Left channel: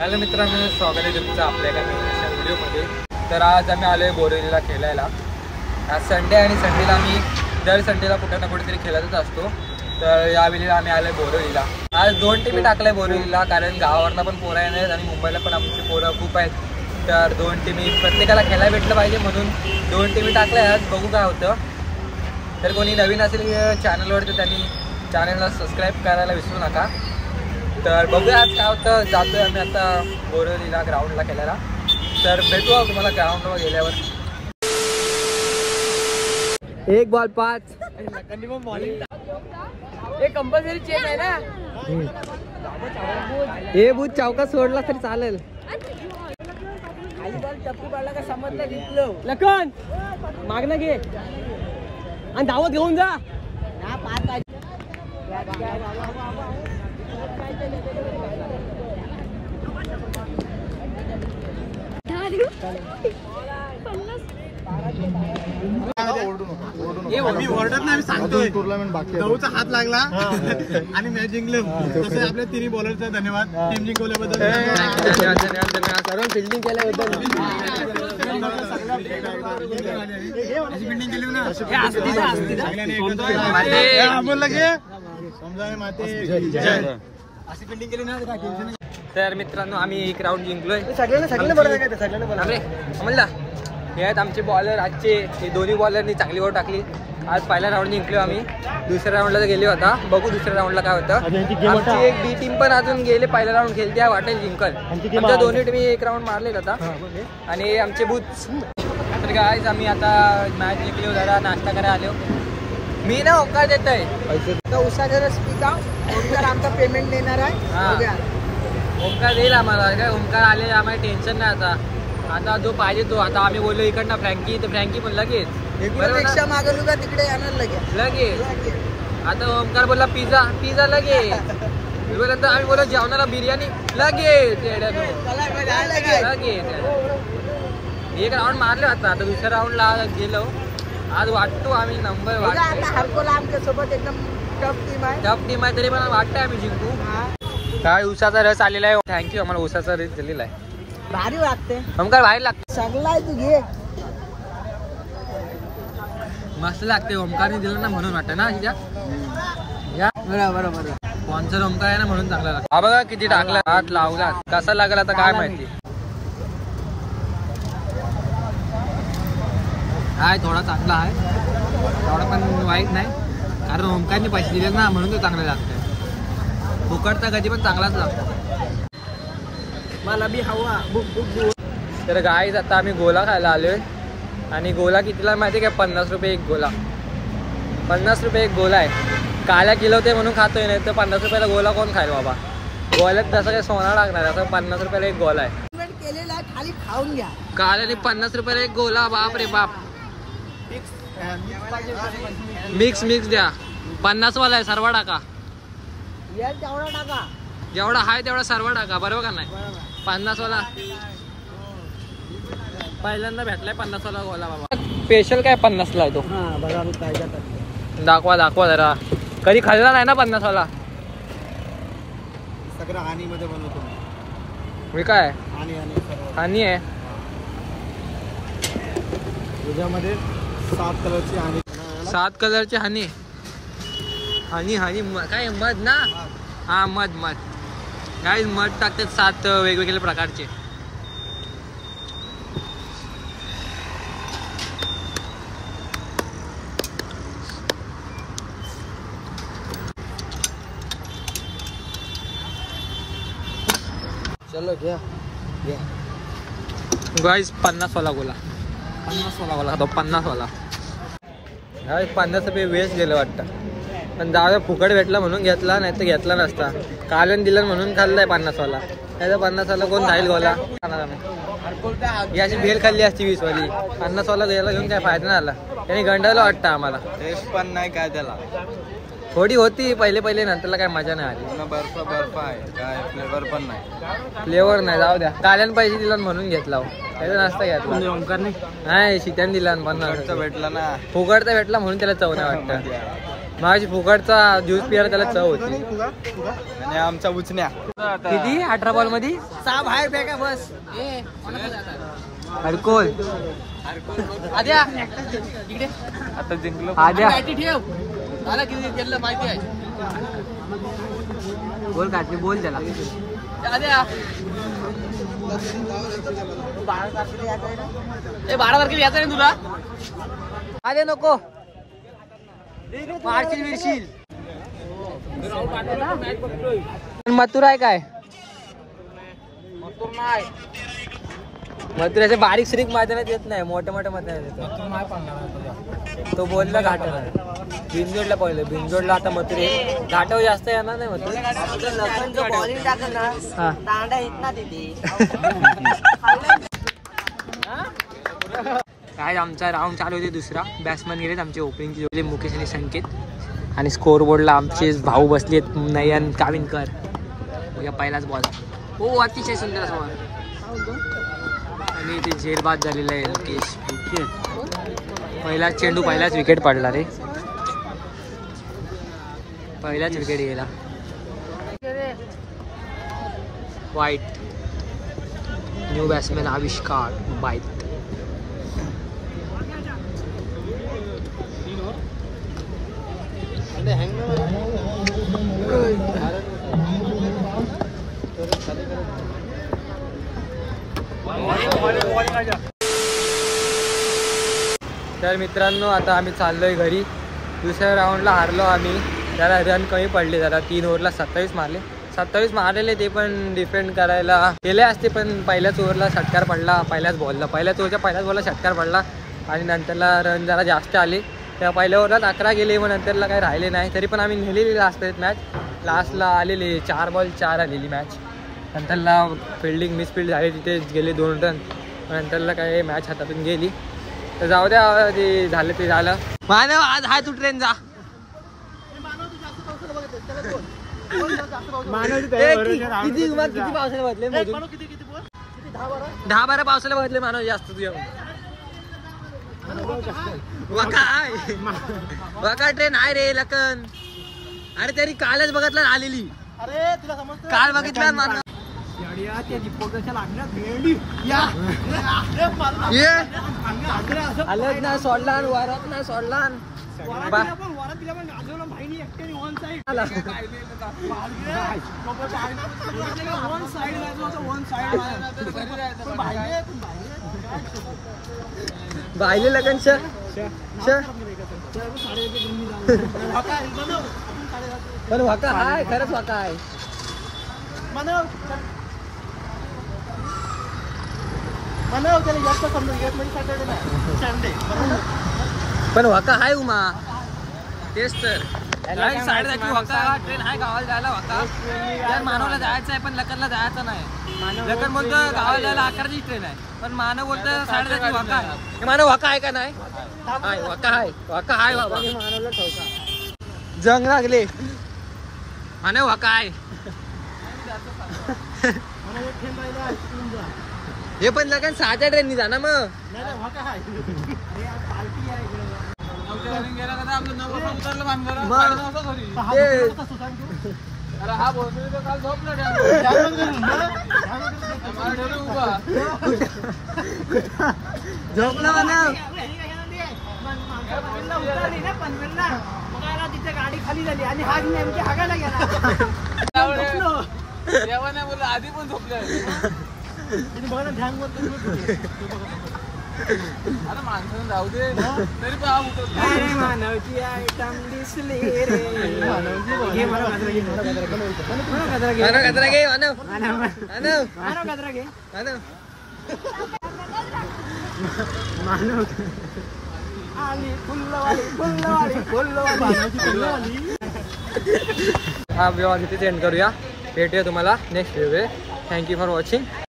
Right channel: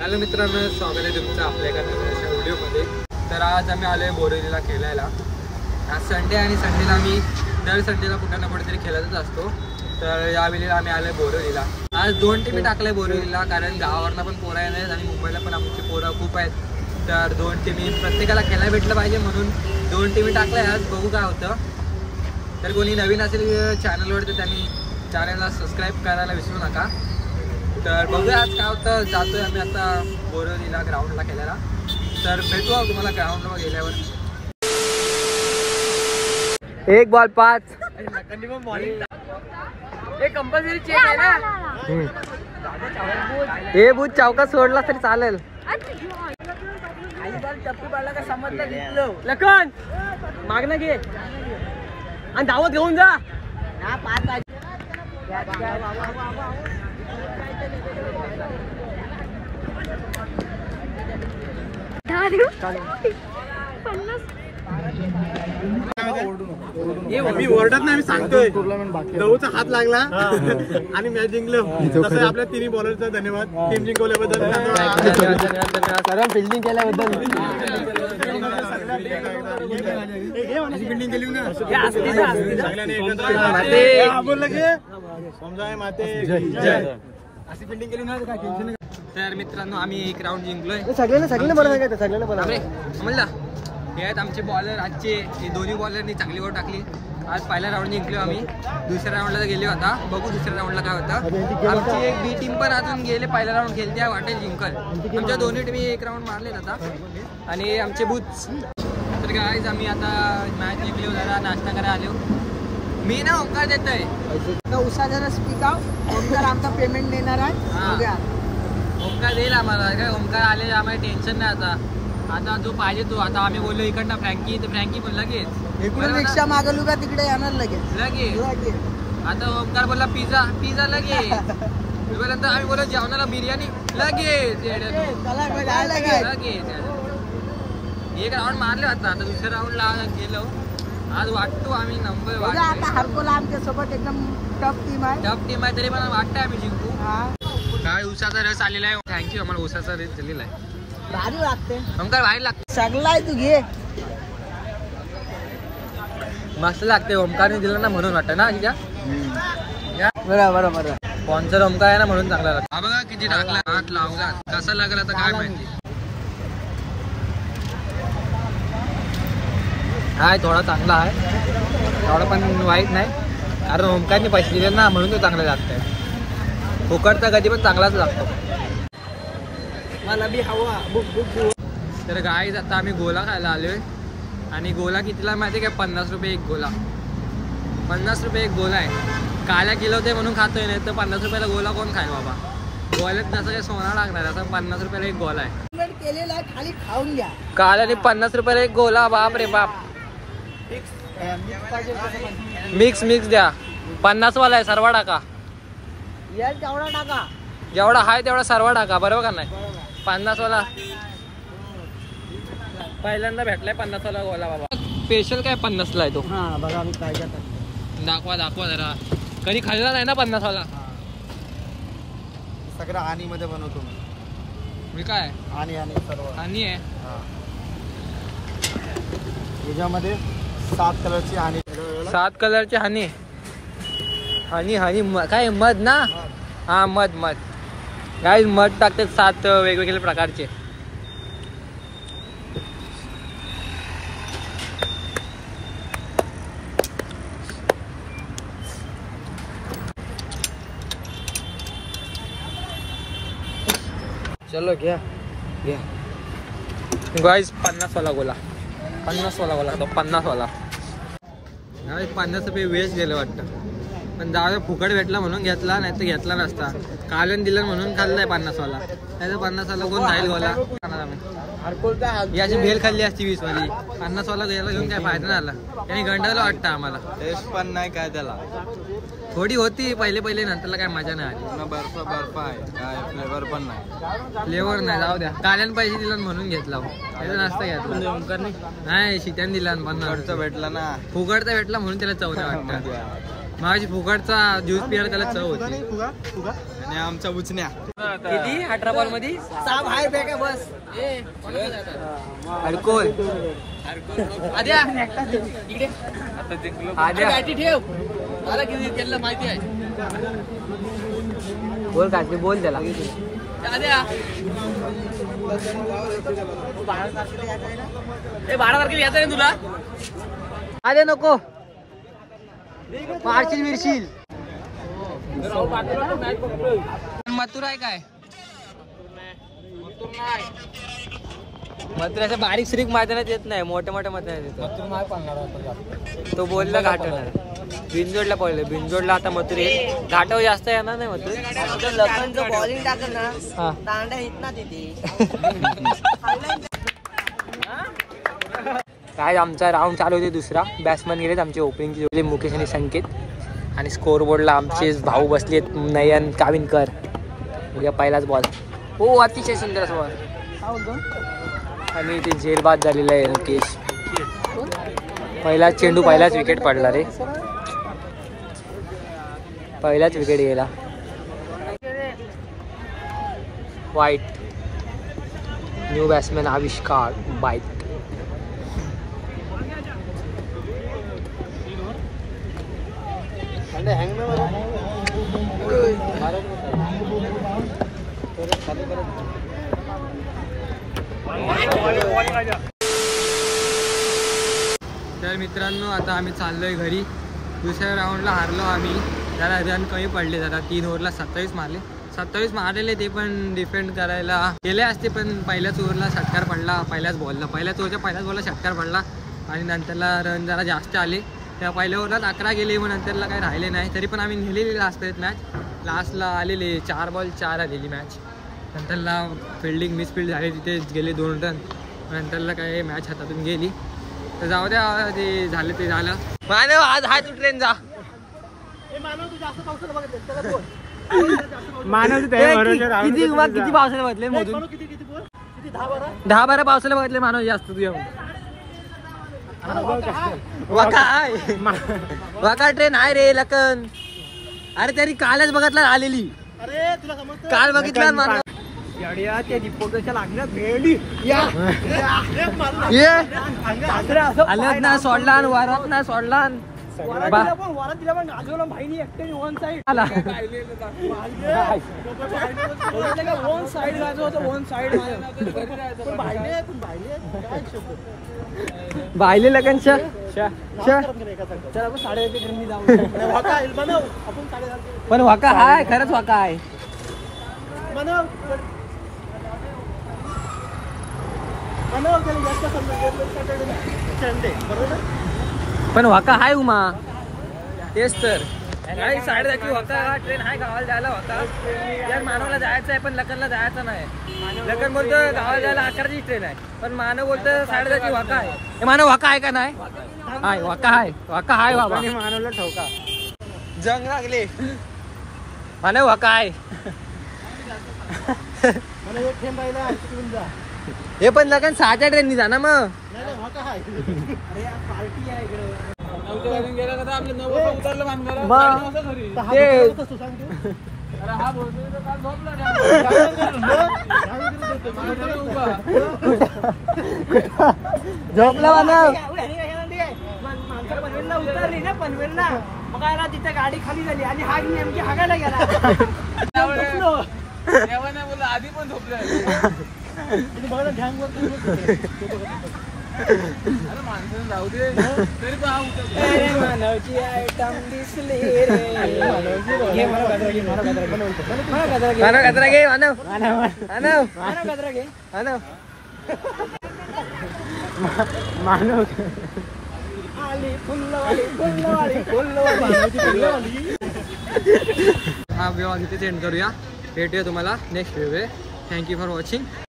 Hello मित्रांनो, स्वागत आहे तुमचं आपल्या एका नवीन अशा व्हिडिओमध्ये. तर आज आम्ही आलो आहे बोरिवलीला खेळायला. आज संडे आणि संडेला आम्ही दर संडेला कुठं ना कुठेतरी खेळतच असतो. तर यावेळेला आम्ही आलो आहे बोरिवलीला. आज 2 टीमी टाकल्या बोरिवलीला, कारण गावावरनं पण पोरं आहेत आणि मुंबईला पण आमची पोरं खूप आहेत. तर 2 टीमी प्रत्येकाला खेळायला भेटलं पाहिजे म्हणून 2 टीमी टाकल्या. आज बघू काय होतं. तर कोणी नवीन असेल चॅनलवर तर त्यांनी चॅनलला सबस्क्राईब करायला विसरू नका. तर बघूया आज काय होतं. जातोय आम्ही आता बोरिवलीला ग्राउंडला खेळायला. तर भेटू तुम्हाला ग्राउंडवर गेल्यावर. 1 बॉल 5 कंपल्सरी चेक आहे ना. हे बूथ चौका सोडला तरी चालेल. लखन मागणं घे आणि धावत घेऊन जा. मी ओरडत नाही, मी सांगतोय. गहूचा हात लागला आणि मॅच जिंकलो. तसं आपल्या तिन्ही बॉलरचा धन्यवाद टीम जिंकवल्याबद्दल. धन्यवाद फिल्डिंग केल्याबद्दल. अशी फिल्डिंग केली ना बोलला की अशी फिल्डिंग केली ना. तर मित्रांनो, आम्ही 1 राऊंड जिंकलोय. म्हणला हे आहेत आमचे बॉलर आजचे. हे दोन्ही बॉलरनी चांगली ओव्हर टाकली. आज पहिला राऊंड जिंकलो आम्ही. दुसऱ्या राऊंडला गेले होता. बघू दुसऱ्या राऊंडला काय होतं. आमची एक बी टीम पण अजून गेले. पहिला राऊंड खेळते, वाटेल जिंकल. आमच्या दोन्ही टीमी 1 राऊंड मारलेत आता. आणि आमचे बूथ. तर गाईज आम्ही आता मॅच जिंकलो. जरा नाश्ता करायला आलो. मी ना ओंकार देतोय उसाचा रस पिता. ओंकार आमचा पेमेंट देणार आहे. ओंकार देईल आम्हाला. काय ओंकार आले आम्हाला टेन्शन नाही आता. आता जो पाहिजे तो. आता आम्ही बोललो इकडनं फ्रँकी, तर फ्रँकी पण लगेच रिक्षा मागवली का तिकडे येणार लगेच. आता ओंकार बोलला पिझ्झा, पिझ्झा लगेच. नंतर आम्ही बोललो जेवणाला बिर्याणी लगेच. लगेच 1 राऊंड मारले आता. दुसऱ्या राऊंडला गेलो. आज वाटतो आम्ही नंबर हरकोला आमच्या सोबत एकदम टफ टीम आहे. तरी पण वाटतंय आम्ही जिंकू. काय उसाचा रस आलेला आहे. थँक्यू. आम्हाला उसाचा रस दिलेला आहे. भारी वाटते. ओंकार बाहेर लागते. चांगला आहे. तू घे. मस्त लागते. ओंकारने दिलं ना म्हणून वाटतं ना. बरोबर. स्पॉन्सर ओंकार आहे ना म्हणून चांगला लागतं. हा बघा किती टाकला. हात लावला. कसा लागला आता काय माहिती. हाय थोडा चांगला आहे. थोडा पण वाईट नाही, कारण ओंकारने पैसे दिले ना म्हणून तो चांगला लागतंय. फुकटचा कधी पण चांगलाच लागतो. मला बी हवा. तर गाईज आता आम्ही गोला खायला आलोय. आणि गोला कितीला माहिती आहे का? 50 रुपये एक गोला. 50 रुपये एक गोला आहे. काल्या किलो ते म्हणून खातोय. नाही तर 50 रुपयाला गोला कोण खाईल बाबा. गोल्यात जसं काही सोना लागणार, असं 50 रुपयाला एक गोला आहे. केलेला खाली खाऊन घ्या. काल्याने 50 रुपयाला एक गोला. बाप रे बाप. मिक्स द्या. 50 वाला आहे. सर्व टाका. जेवढा आहे तेवढा सर्व टाका. बरोबर का नाही. 50 वाला पहिल्यांदा भेटलाय. 50 वाला गोला बाबा. स्पेशल काय 50 ला आहे तो. दाखवा जरा. कधी खाल्ला नाही ना 50 वाला. सगळं हानी मध्ये बनवतो मी. काय हानी आहे त्याच्यामध्ये 7 कलरची हानी. 7 कलरची हानी काय मध ना. हा मध गाईज मध टाकतात 7 वेगवेगळ्या प्रकारचे. चलो घ्या. गाईज 50 वाला गोला. 50 वाला गोला तो. 50 वाला. गाईज 50 रुपये वेस्ट गेलं वाटतं. पण जाऊ फुकट भेटला म्हणून घेतला, नाही तर घेतला नसता. कालन दिलं म्हणून खाल्लाय 50 वाला. नाही तर 50 वाला कोण जाईल गोला. ही अशी भेल खाल्ली असती 20 वाली. 50 वाला गेला घेऊन काय फायदा नाही आला. त्यांनी गंडायला वाटतं आम्हाला. टेस्ट पण नाही काय त्याला. थोडी होती पहिले नंतरला काय मजा नाही आली. बर्फ आहे. काय फ्लेवर पण नाही. फ्लेवर नाही. जाऊ द्या. काल्यान पैसे दिला म्हणून घेतला. नसता घेतला. नाही शिट्यान दिला. 50 भेटला ना. फुकटचा भेटला म्हणून त्याला चव नाही वाटतं. माझी फुकटचा ज्यूस पियाला त्याला चव होती. फुगा आणि आमचा उचण्या किती 18 बॉल मध्ये 6 बाहेर फेका बस. अडकोल आद्या इकडे आता जिंकलो. आद्या बॅटी ठेव. आला की त्याला माहिती आहे. बोल काकी बोल त्याला. आद्या ए 12 तारखेला यायचं नाही तुला. आद्या नको मारशील मिरशील. मथुर आहे काय? मथुराचे बारीक श्रीक मैदानात येत नाही, मोठ्या मोठ्या मैदानात येतो. तो बोलला घाटण आहे. बिनजोडला पहिले बिनजोडला आता मथुर येईल. घाटावर जास्त येणार नाही मथुर. बॉलिंग टाकल ना दांडा येत ना तिथे. काय आमचा राऊंड चालू होते दुसरा. बॅट्समन गेलेत आमचे ओपनिंग मुकेश आणि संकेत. आणि स्कोर बोर्डला आमचे भाऊ बसलेत नयन काविनकर. उद्या पहिलाच बॉल. हो अतिशय सुंदर बॉल. आणि ते झेलबाद झालेला आहे मुकेश. पहिलाच चेंडू पहिलाच विकेट पडला रे. पहिलाच विकेट गेला. वाईट. न्यू बॅट्समॅन आविष्कार बाईट. तर मित्रांनो आता आम्ही चाललोय घरी. दुसऱ्या राऊंडला हारलो आम्ही. जरा रन कमी पडले. जरा 3 ओव्हरला 27 मारले. 27 मारलेले ते पण डिफेंड करायला केले असते, पण पहिल्याच ओव्हरला षटकार पडला. पहिल्याच बॉलला पहिल्याच ओव्हरच्या पहिल्याच बॉलला षटकार पडला. आणि नंतरला रन जरा जास्त आले. त्या पहिल्या ओव्हरलाच 11 गेले. मग नंतरला काही राहिले नाही. तरी पण आम्ही नेलेली लास्ट मॅच. लास्टला आलेली 4 बॉल 4 आलेली मॅच. नंतरला फिल्डिंग मिसफिल्ड झाली, तिथे गेले 2 रन. नंतरला काय मॅच हातातून गेली. तर जाऊ द्या, ते झालं ते झालं. मानव आज हाय तू ट्रेन जा. किती पावसाला बघितले? 10-12 पावसाला बघितले मानव जास्त तुझ्या. वाका ट्रेन आहे रे लखन. अरे तरी कालच बघितला आलेली. काल बघितला मानव. त्या दीपकच्या लागण्यात भेंडी सोडला वारात नाही सोडला. बाहिले लगन पण वाका आहे खरंच वाका आहे. पण वाका हाय उमा. तेच तर नाही साडे जायची वाका ट्रेन आहे गावाला जायला. वाका यार मानवला जायचं आहे पण लखनला जायचं नाही. लखन बोलतो गावाला जायला 11ची ट्रेन आहे, पण मानव बोलतो साडे जायची वाका आहे. हे मानव वाका आहे का नाही? वाका आहे. वाका आहे बाबा. जंग लागले मानव वाका आहे. हे पण लगन 6च्या ट्रेननी जा ना मग. झोपला मानव. पनवेलला उतरली ना पनवेलला. मग तिथे गाडी खाली झाली आणि हा नेमकी हागायला गेला. आधी पण झोपलं. माणसाने जाऊ दे. मानवची आयटम दिसली रे. मानव आली फुल्लवाली फुल्लवाली फुल्लवाली. हा व्हिडिओ इथेच एंड करूया. भेटूया तुम्हाला next video. Thank you for watching.